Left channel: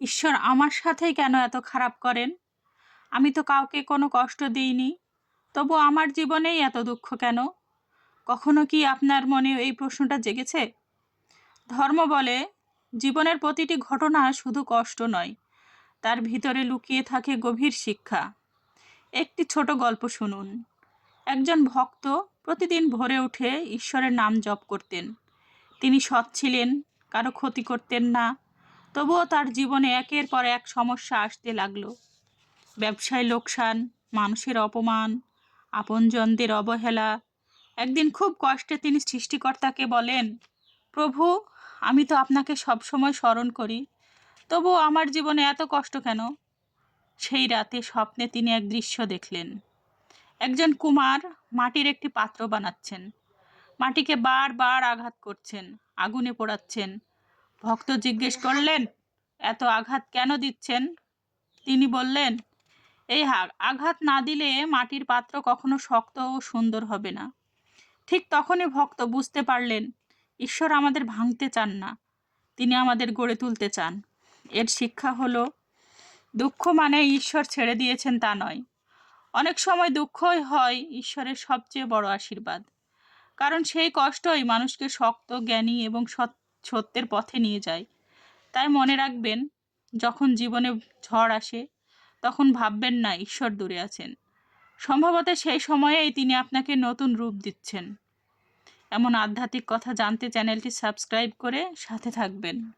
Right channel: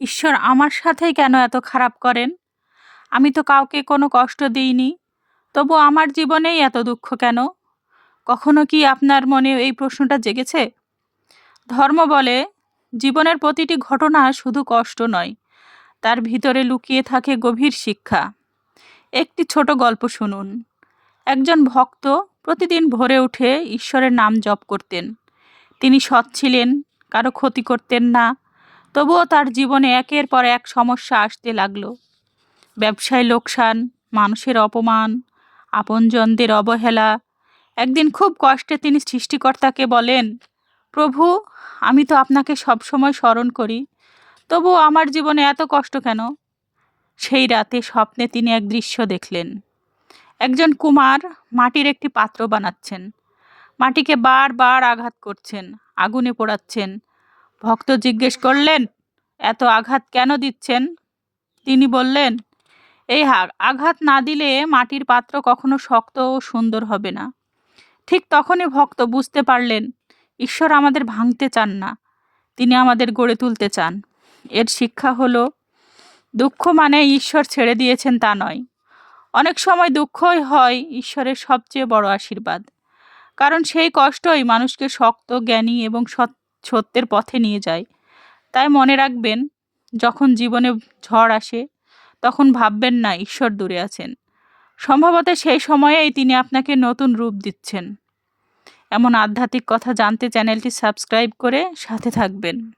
ঈশ্বর আমার সাথেই কেন এত খারাপ করেন? আমি তো কাউকে কোনো কষ্ট দিইনি। তবু আমার জীবনেই এত দুঃখ কেন? কখনো কি আপনার মনে এই প্রশ্নটা জেগেছে? ধর্ম বলে জীবনের প্রতিটি ঘটনা শুধু কষ্ট নয়, তার ভিতরে লুকিয়ে থাকে গভীর শিক্ষা। একটি ছোট গল্প শুনুন। একজন ভক্ত প্রতিদিন ভোরে উঠে ঈশ্বরের নাম জপ করতেন। তিনি সৎ ছিলেন, কারো ক্ষতি করতেন না। তবুও তার জীবনে একের পর এক সমস্যা আসতে লাগলো। ব্যবসায় লোকসান, মানুষের অপমান, আপনজনদের অবহেলা। একদিন খুব কষ্টে তিনি সৃষ্টিকর্তাকে বলেন, প্রভু, আমি তো আপনাকে সবসময় স্মরণ করি, তবুও আমার জীবনে এত কষ্ট কেন? সেই রাতে স্বপ্নে তিনি এক দৃশ্য দেখলেন। একজন কুমার মাটির একটি পাত্র বানাচ্ছেন। মাটিকে বারবার আঘাত করছেন, আগুনে পোড়াচ্ছেন। ভক্ত জিজ্ঞেস করলেন, এত আঘাত কেন দিচ্ছেন? তিনি বললেন, এই আঘাত না দিলে মাটির পাত্র কখনো শক্ত ও সুন্দর হবে না। ঠিক তখনই ভক্ত বুঝতে পারলেন, ঈশ্বর আমাদের ভাঙতে চান না, তিনি আমাদের গড়ে তুলতে চান। এর শিক্ষা হলো, দুঃখ মানে ঈশ্বর ছেড়ে দিয়েছেন তা নয়। অনেক সময় দুঃখই হয় ঈশ্বরের সবচেয়ে বড় আশীর্বাদ। কারণ সেই কষ্টই মানুষকে শক্ত, জ্ঞানী এবং সত্যের পথে নিয়ে যায়। তাই মনে রাখবেন, যখন জীবনে ঝড় আসে, তখন ভাববেন না ঈশ্বর দূরে আছেন। সম্ভবত সেই সময়েই তিনি আপনাকে নতুন রূপ দিচ্ছেন। এমন আধ্যাত্মিক কথা জানতে চ্যানেলটি সাবস্ক্রাইব করে সাথে থাকবেন।